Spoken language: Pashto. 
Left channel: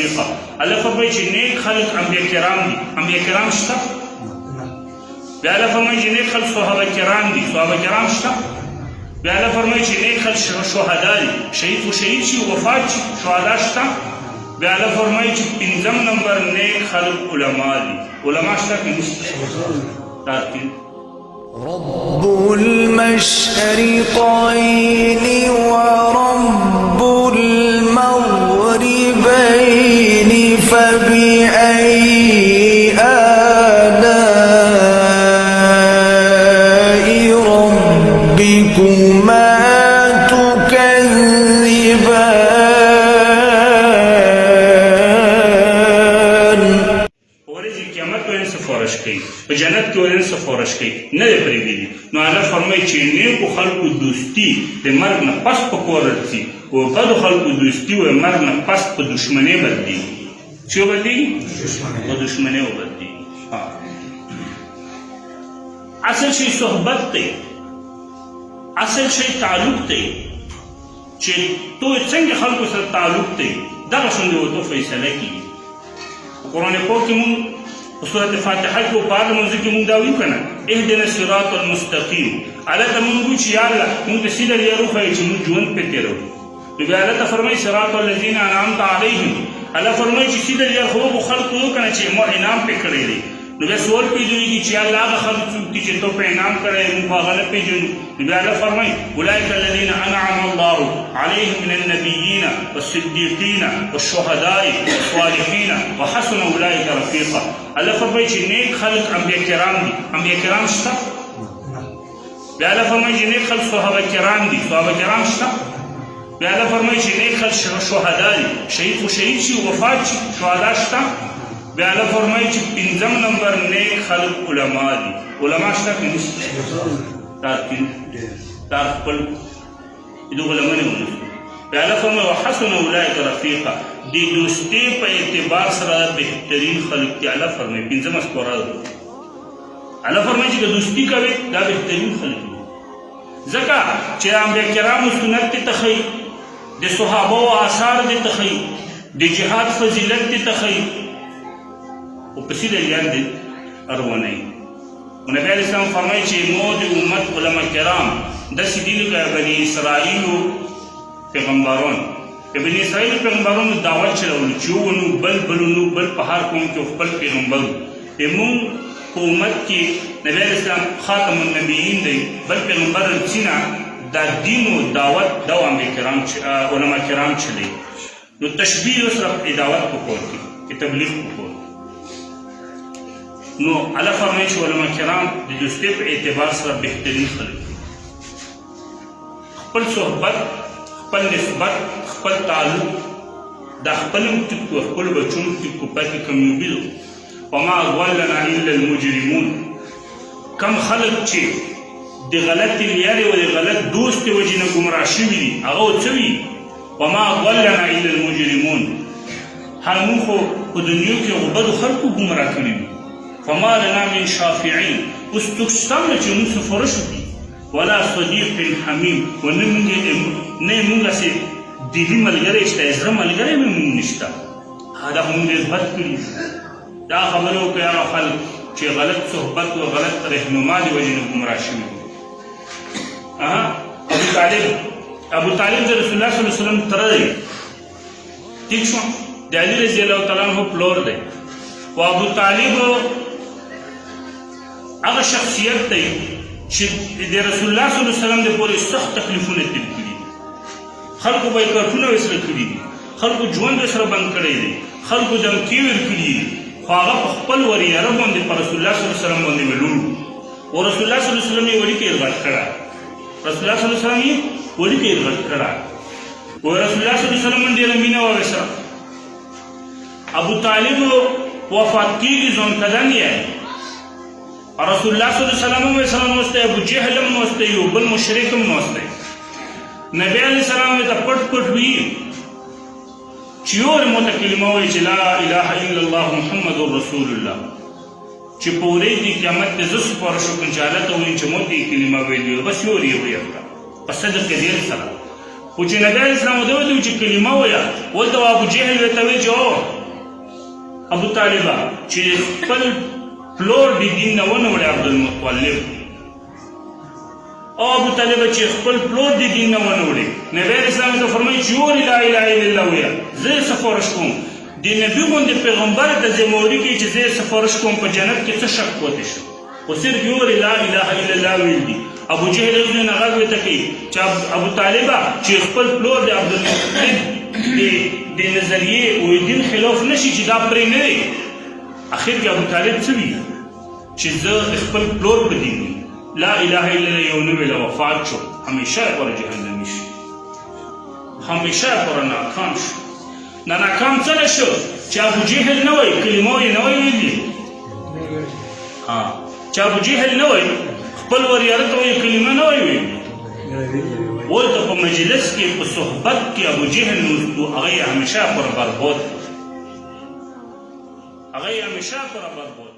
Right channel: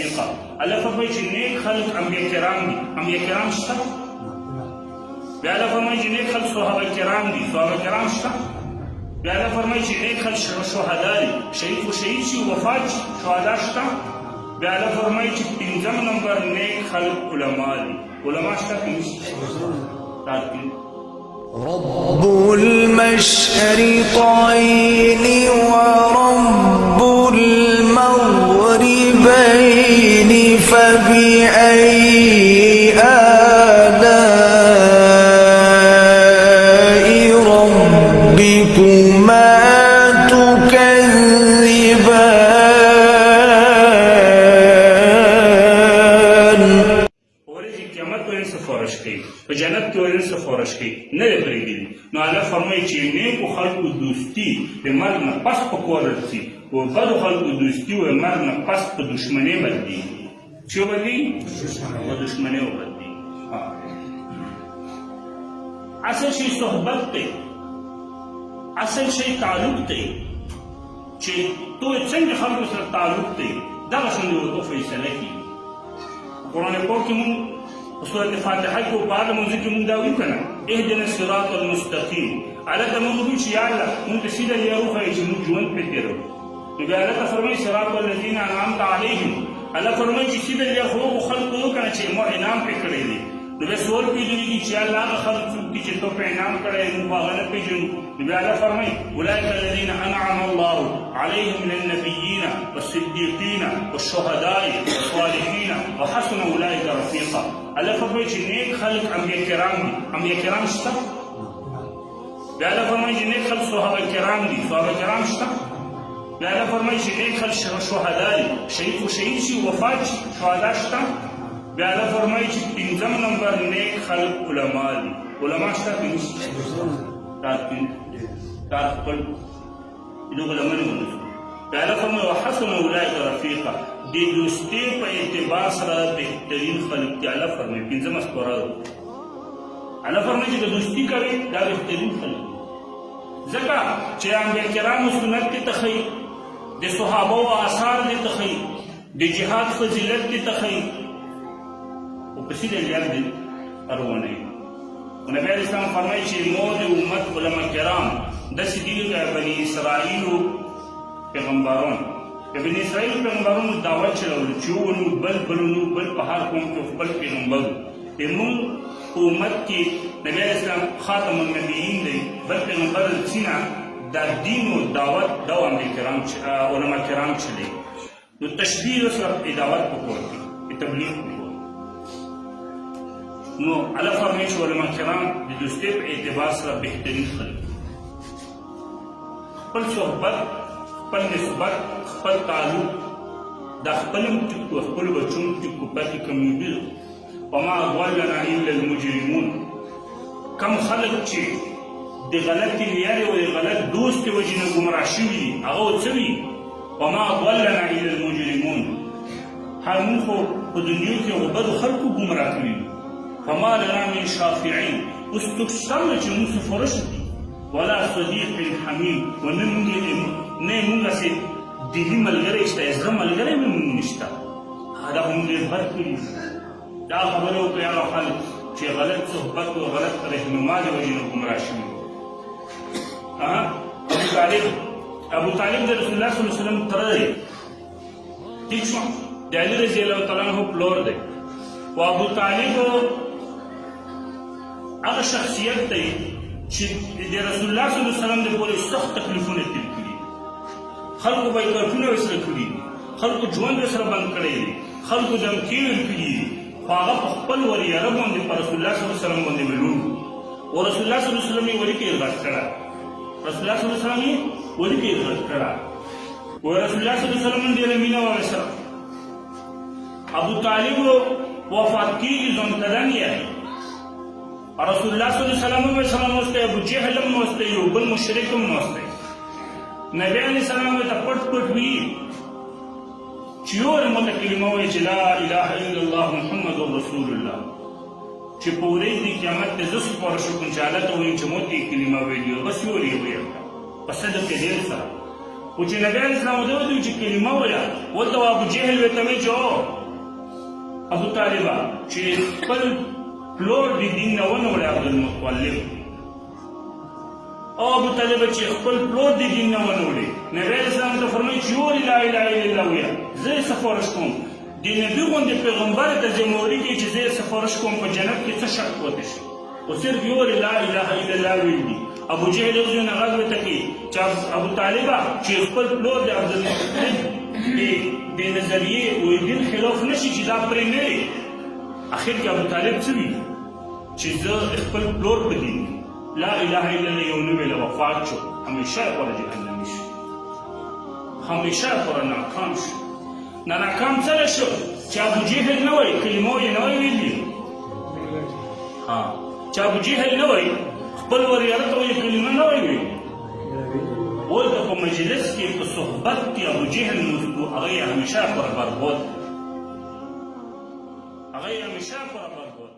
رفيقا. الله فرمایي چې نیک خلک انبیا کرام دي. انبیا کرام شته؟ بیا الله فرمایي چې نیک خلک صحابه کرام دي. صحابه کرام شته؟ بیا الله فرمایي چې نیک خلک شهدا دي. شهید خو شهید شي وفات شي، شهدا شته؟ بیا الله فرمایي چې پنځم نمبر نیک خلک علما دي. علما شته که نشته؟ رب المشرقين ورب المغربين فبأي آلاء ربكما تكذبان. ورځې قیامت ویل سفارش کوي، په جنت کې ویل سفارش کوي، نه دی پرېږدي. نو الله فرمایي چې نیکو خلکو دوستي د مرګ نه پس په کور راځي، او بدو خلکو دوستي و مرګ نه پس په دشمنۍ بدلېږي. چې وبدلېږي؟ په دشمنۍ وبدلېږي. اصل شی صحبت دی، اصل شی تعلق دی، چې تو څنګه خلکو سره تعلق دی دغه شونې ورته فیصله کېږي. قرآن پاک کې مونږ په سورت فاتحه کې په هغه موضوع کې مونږ دا وایو که نه اهدنا الصراط المستقیم. هلته مونږ وایو چې یا الله مونږ ته سیده لاره وښایي چې مونږ ژوند پرې تېروو. نو بیا الله ته فرمایي صراط الذین انعمت علیهم. الله فرمایي چې سیده لاره خو هغو خلکو وو که نه چې ما انعام پرې کړی دی. نو بیا سوال پیدا کېږي چې یا الله هغه خلک څوک دي چې تو په انعام کړی دی مونږ هغه نه پېژنو. نو بیا الله فرمایي اولئک الذین انعم الله علیهم من النبیین والصدیقین والشهداء والصالحین وحسن اولئک رفیقا. الله فرمایي چې نیک خلک انبیا کرام دي. انبیا کرام شته؟ بیا الله فرمایي چې نیک خلک صحابه کرام دي. صحابه کرام شته؟ بیا الله فرمایي چې نیک خلک شهدا دي. شهید خو شهید شي وفات شي، شهدا شته؟ بیا الله فرمایي چې پنځم نمبر نیک خلک علما دي. علما شته که نشته؟ دا خپل دغه لمنې ونیسو. بیا الله فرمایي وحسن اولئک رفیقا. د دوستۍ په اعتبار سره بهترین خلک دي. الله فرمایي پنځمه سپاره ده. الله فرمایي چې که دوستي کوې دا بهترین خلک دي. ځکه چې انبیا کرامو سنت دې ته ښایي، د صحابو آثار دې ته ښایي، د جهاد فضیلت دې ته ښایي، خو په سیده لار دې روانوي. نبی علیه السلام فرمایي چې مو د امت علما کرام داسې دي لکه بني اسرائیلو پیغمبران. د بني اسرائیلو پیغمبرانو دعوت چلولو چې ونو بل بلونو بل په هر قوم کې خپل پیغمبر. زموږ په امت کې نبی علیه السلام خاتم النبیین دی، بل پیغمبر رسینا دا دین و دعوت دا علما کرام چلی. نو تشبیه سره دعوت پکور کې تبلیغ پکور. نو الله فرمایي چې علما کرام د دوستۍ په اعتبار سره بهترین خلک دي. خپل صحبت، خپل نسبت، خپل تعلق دا خپل هم ټیک کړو، خپلو بچو هم ټیک کړو، پاتې کامیابي ده. وما ضلنا الا المجرمون. کم خلک چې د غلطې لیارې او د غلط دوست د وجې نه ګمراه شوي دي هغه څه وي؟ وما ضلنا الا المجرمون. هر موږ خو په دنیا کې هغو بدو خلکو ګمراه کړي دي. فما لنا من شافعین. اوس څوک شته نه چې موږ سفارش وکړي، ولا صدیق حمیم، و نه موږ هسې دلي ملګری شته، زړه ملګری مې موږ نشته. دا خو موږ ډېر بد کړي. دا خبرې وکړئ هغه خلک چې غلط صحبت او غلط رهنما د وجې نه ګمراه شوي. ابو طالب د رسول الله صلی الله علیه وسلم تره دی، ټیک شو، د علي رضی الله تعالی عنه پلور دی. و ابو طالب هغه شخصیت دی چې د رسول الله صلی الله علیه وسلم د پورې سخت تکلیفونه تیر کړي. خلکو به یې کارتونه ورسره کړي دي، خلکو ژوند ورسره بند کړی دی، خلکو دمکې ورکړي دي، خو هغه په خپل وریره باندې په رسول الله صلی الله علیه وسلم باندې ولور و رسول الله صلی الله علیه وسلم یې وړي کې غټ کړه. رسول الله صلی الله علیه وسلم یې وړي کې غټ کړه. و رسول الله صلی الله علیه وسلم ډېره مینه وه ورسره. ابو طالب وفات کېږي ځوان کلن یې. رسول الله صلی الله علیه وسلم هم سره ناست دی، ابو جهل هم ناست دی، یو بل مشرک هم ناست دی. نبی علیه السلام یې ته پټ پټ وي چې یو ورته کلمه وایي چې لا اله الا الله محمد رسول الله. چې په ورځ د قیامت کې زه سپارښت وکړم چې الله ته ووایم چې موږ دې کلمه ویلې وه، بس یو ور یې ویل په صدق دې سره. خو چې نبی علیه السلام ورته وویل چې کلمه وایه، ورته ابو جهل ورته وایي چې ابو طالبه چې خپل پلور د دین نه ونه وړي عبدالمطلب او ابو طالبه چې خپل پلور د دین نه ونه وړي نبی اسلام ته فرمایي چې یو لا اله الا الله ویا زه سفارش کوم د نبی غوندې پیغمبر د زموږ کې چې زه سفارش کوم په جنت کې څه شک پاتې شو او صرف یو لا اله الا الله ویل دي ابو جهل غوښنه نه غږ وته کې چې ابو طالبه چې خپل پلور د عبدالمطلب د نظریې او دین خلاف نشي چې دا پرې نه دی اخر کې ابو طالب څه وی چې زه خپل پلور په دین لا اله الا الله یو نبی له وفات شو همیشه پر جهنم شي همیشه پر ناکام شو نه ناکام څه شو چې ابو جهل نه وای کلمه یې نه ویلي چې ابو جهل نه وای خپل وریاضت وای کلمه نه ویلي ولته په مجلس کې په صحبت کې ابو جهل نو هغه همیشه پر برباد هغه همیشه پر برباد